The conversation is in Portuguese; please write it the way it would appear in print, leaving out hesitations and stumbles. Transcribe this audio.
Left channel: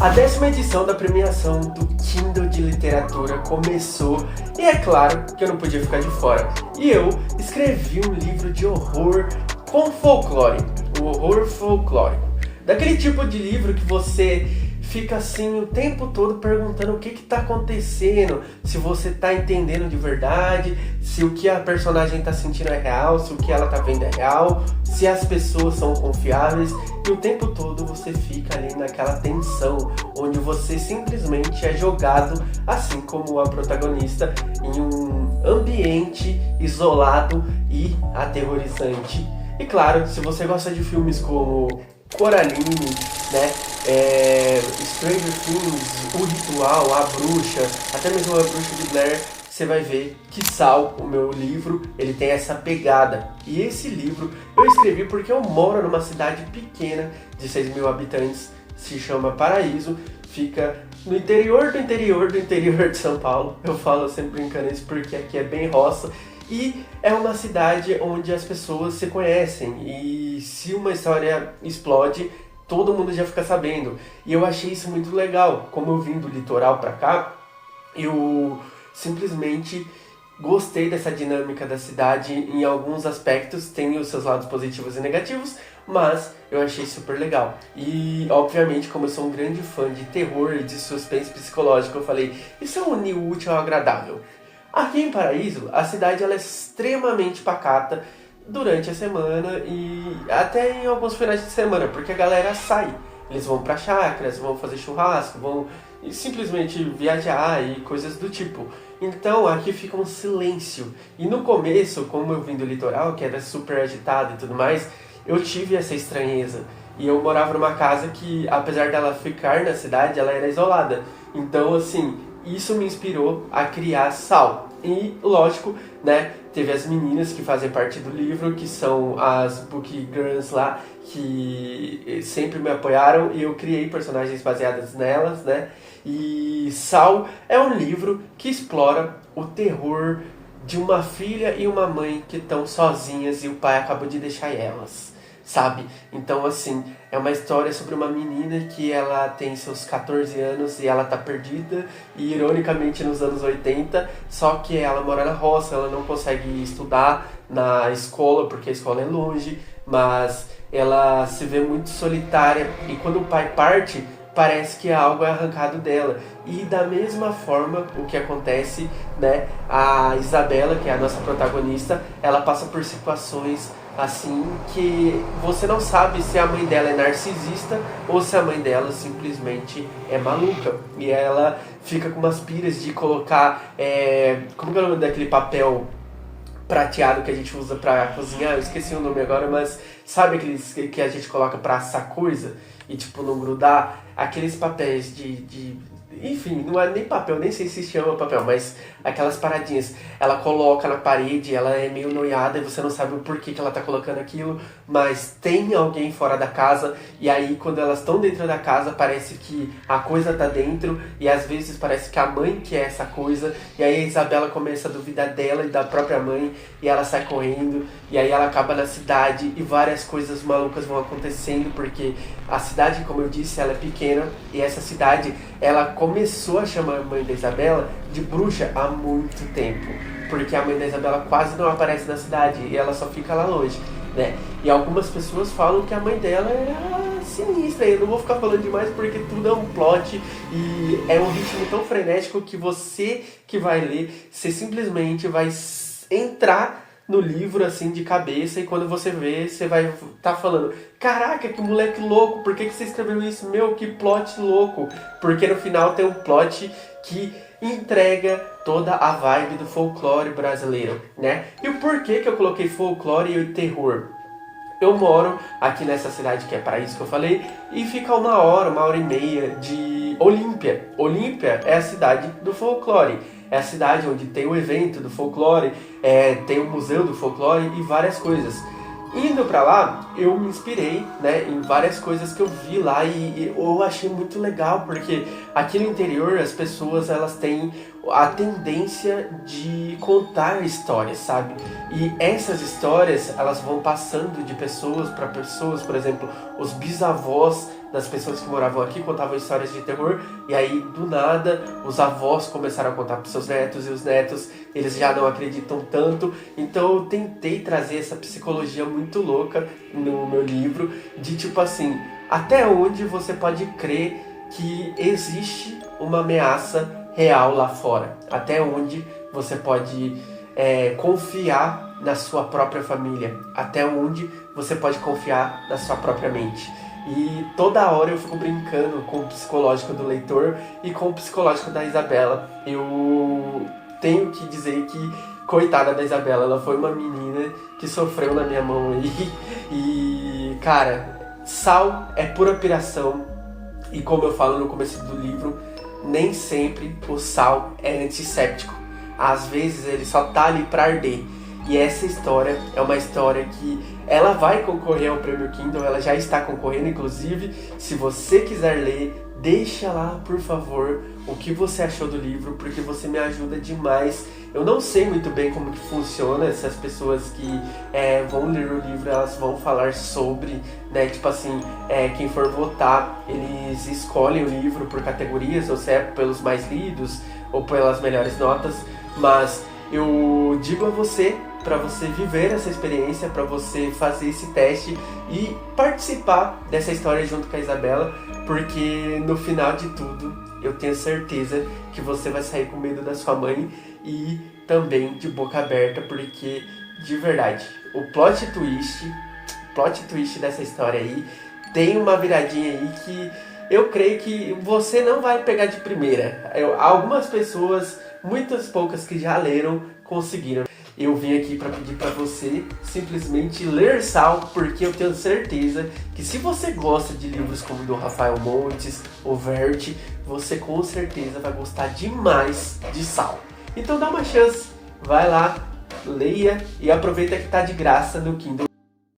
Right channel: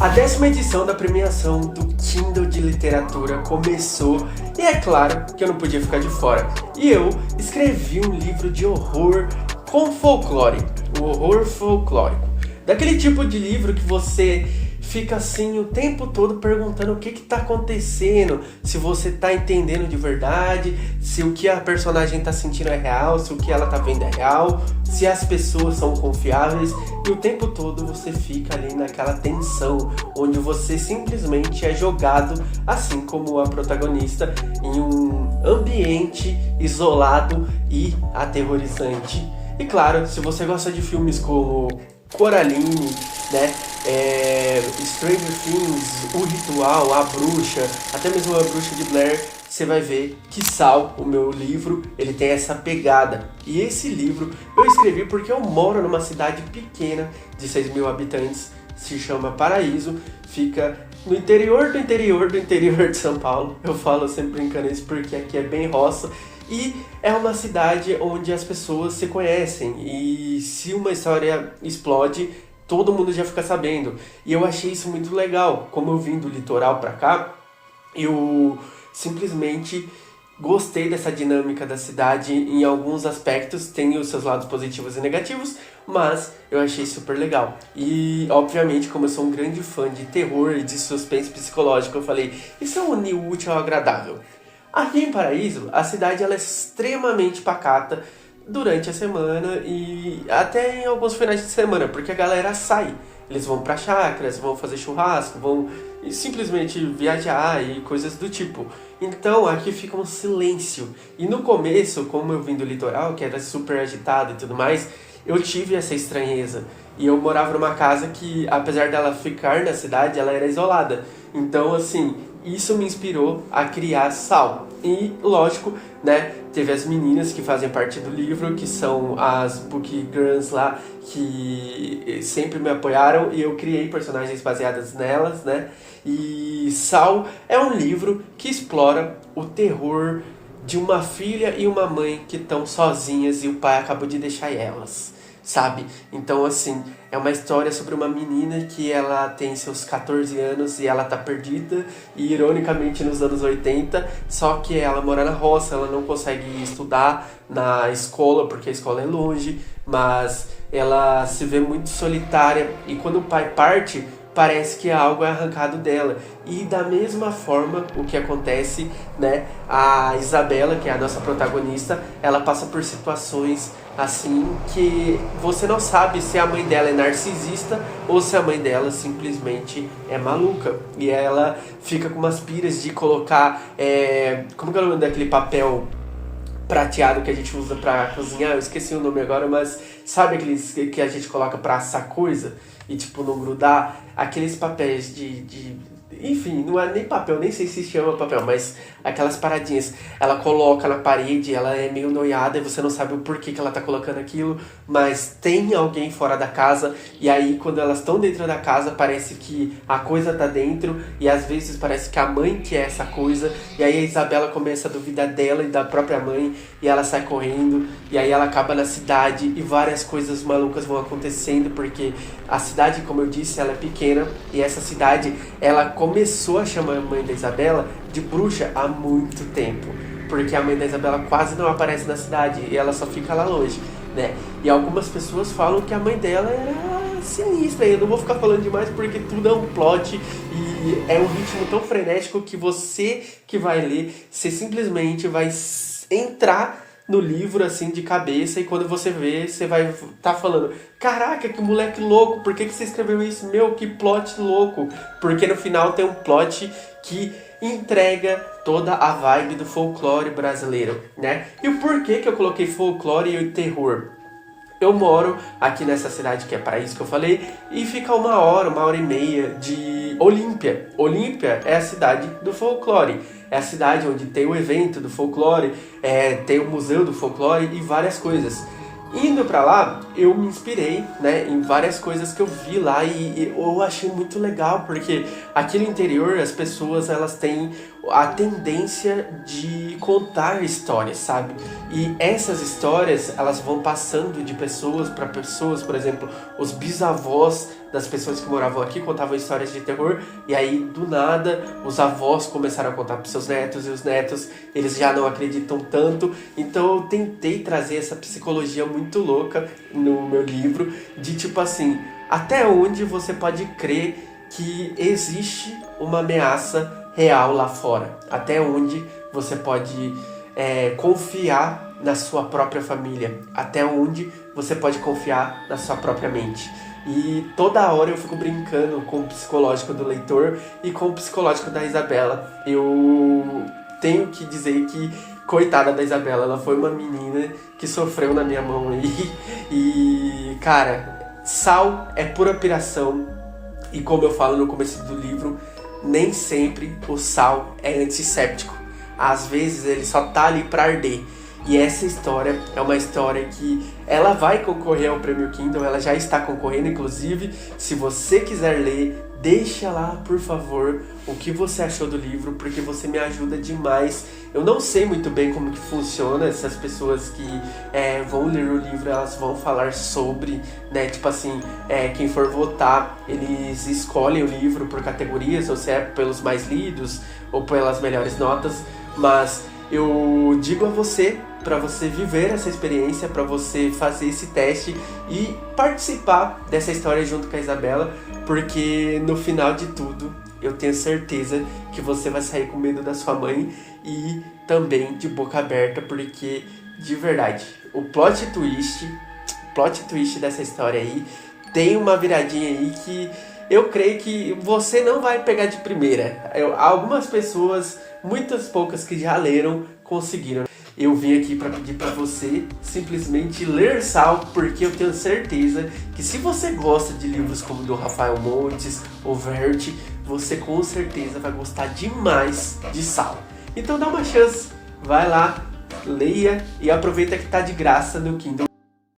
A 10ª edição da premiação do Kindle de Literatura começou e é claro que eu não podia ficar de fora. E eu escrevi um livro de horror com folclore, o horror folclórico. Daquele tipo de livro que você fica assim o tempo todo perguntando o que está acontecendo, se você está entendendo de verdade, se o que a personagem está sentindo é real, se o que ela está vendo é real, se as pessoas são confiáveis, e o tempo todo você fica ali naquela tensão, onde você simplesmente é jogado, assim como a protagonista, em um ambiente isolado e aterrorizante. E claro, se você gosta de filmes como Coraline, né? Stranger Things, O Ritual, A Bruxa, até mesmo A Bruxa de Blair, você vai ver que o meu livro, ele tem essa pegada. E esse livro eu escrevi porque eu moro numa cidade pequena de 6.000 habitantes, se chama Paraíso, fica no interior do interior do interior de São Paulo. Eu falo sempre brincando isso porque aqui é bem roça. E é uma cidade onde as pessoas se conhecem e se uma história explode, todo mundo já fica sabendo. E eu achei isso muito legal. Como eu vim do litoral pra cá, eu simplesmente gostei dessa dinâmica da cidade em alguns aspectos. Tem os seus lados positivos e negativos, mas eu achei super legal. E, obviamente, como eu sou um grande fã de terror e de suspense psicológico, eu falei, isso é unir o útil ao agradável. Aqui em Paraíso, a cidade ela é extremamente pacata durante a semana e até em alguns finais de semana, porque a galera sai. Eles vão para chácaras, vão fazer churrasco, vão simplesmente viajar e coisas do tipo. Então aqui fica um silêncio. E no começo, como eu vim do litoral, que era super agitado e tudo mais, eu tive essa estranheza. E eu morava numa casa que, apesar dela ficar na cidade, ela era isolada. Então, assim, isso me inspirou a criar Sal. E, lógico, né, teve as meninas que fazem parte do livro, que são as Book Girls lá, que sempre me apoiaram e eu criei personagens baseadas nelas, né? E Sal é um livro que explora o terror de uma filha e uma mãe que estão sozinhas e o pai acabou de deixar elas, sabe? Então, assim, é uma história sobre uma menina que ela tem seus 14 anos e ela tá perdida, e ironicamente nos anos 80, só que ela mora na roça, ela não consegue estudar na escola, porque a escola é longe, mas ela se vê muito solitária, e quando o pai parte, parece que algo é arrancado dela. E da mesma forma, o que acontece, né? A Isabela, que é a nossa protagonista, ela passa por situações assim que você não sabe se a mãe dela é narcisista ou se a mãe dela simplesmente é maluca. E ela fica com umas piras de colocar... como que é o nome daquele papel prateado que a gente usa pra cozinhar? Eu esqueci o nome agora, mas sabe aqueles que a gente coloca pra assar coisa e tipo não grudar? Aqueles papéis enfim, não é nem papel, nem sei se chama papel, mas aquelas paradinhas. Ela coloca na parede, ela é meio noiada e você não sabe o porquê que ela tá colocando aquilo, mas tem alguém fora da casa, e aí quando elas estão dentro da casa parece que a coisa tá dentro, e às vezes parece que a mãe que é essa coisa, e aí a Isabela começa a duvidar dela e da própria mãe, e ela sai correndo, e aí ela acaba na cidade, e várias coisas malucas vão acontecendo, porque a cidade, como eu disse, ela é pequena, e essa cidade, ela começou a chamar a mãe da Isabela de bruxa há muito tempo, porque a mãe da Isabela quase não aparece na cidade e ela só fica lá longe, né? E algumas pessoas falam que a mãe dela era sinistra, e eu não vou ficar falando demais porque tudo é um plot e é um ritmo tão frenético que você que vai ler, você simplesmente vai entrar no livro assim de cabeça, e quando você vê, você vai estar falando, caraca, que moleque louco, por que você escreveu isso? Meu, que plot louco. Porque no final tem um plot que entrega toda a vibe do folclore brasileiro, né? E o porquê que eu coloquei folclore e terror? Eu moro aqui nessa cidade que é Paraíso, que eu falei, e fica 1 hora, 1 hora e meia de Olímpia. Olímpia é a cidade do folclore. É a cidade onde tem o evento do folclore, tem o museu do folclore e várias coisas. Indo pra lá, eu me inspirei, né, em várias coisas que eu vi lá e eu achei muito legal, porque aqui no interior as pessoas elas têm a tendência de contar histórias, sabe? E essas histórias elas vão passando de pessoas para pessoas, por exemplo, os bisavós das pessoas que moravam aqui contavam histórias de terror, e aí do nada os avós começaram a contar para seus netos, e os netos eles já não acreditam tanto. Então eu tentei trazer essa psicologia muito louca no meu livro, de tipo assim, até onde você pode crer que existe uma ameaça real lá fora, até onde você pode confiar na sua própria família, até onde você pode confiar na sua própria mente. E toda hora eu fico brincando com o psicológico do leitor e com o psicológico da Isabela. Eu tenho que dizer que, coitada da Isabela, ela foi uma menina que sofreu na minha mão aí. E, cara, Sal é pura piração. E como eu falo no começo do livro, nem sempre o Sal é antisséptico. Às vezes ele só tá ali pra arder. E essa história é uma história que ela vai concorrer ao Prêmio Kindle, ela já está concorrendo, inclusive. Se você quiser ler, deixa lá, por favor, o que você achou do livro, porque você me ajuda demais. Eu não sei muito bem como que funciona, essas pessoas que vão ler o livro, elas vão falar sobre, né, tipo assim, quem for votar, eles escolhem o livro por categorias, ou se é pelos mais lidos, ou pelas melhores notas, mas eu digo a você, para você viver essa experiência, para você fazer esse teste e participar dessa história junto com a Isabela, porque no final de tudo, eu tenho certeza que você vai sair com medo da sua mãe e também de boca aberta, porque, de verdade, o plot twist dessa história aí, tem uma viradinha aí que eu creio que você não vai pegar de primeira. Algumas pessoas, muitas poucas que já leram, conseguiram. Eu vim aqui para pedir para você simplesmente ler Sal, porque eu tenho certeza que se você gosta de livros como o do Rafael Montes, o Vert, você com certeza vai gostar demais de Sal. Então dá uma chance, vai lá, leia e aproveita que tá de graça no Kindle.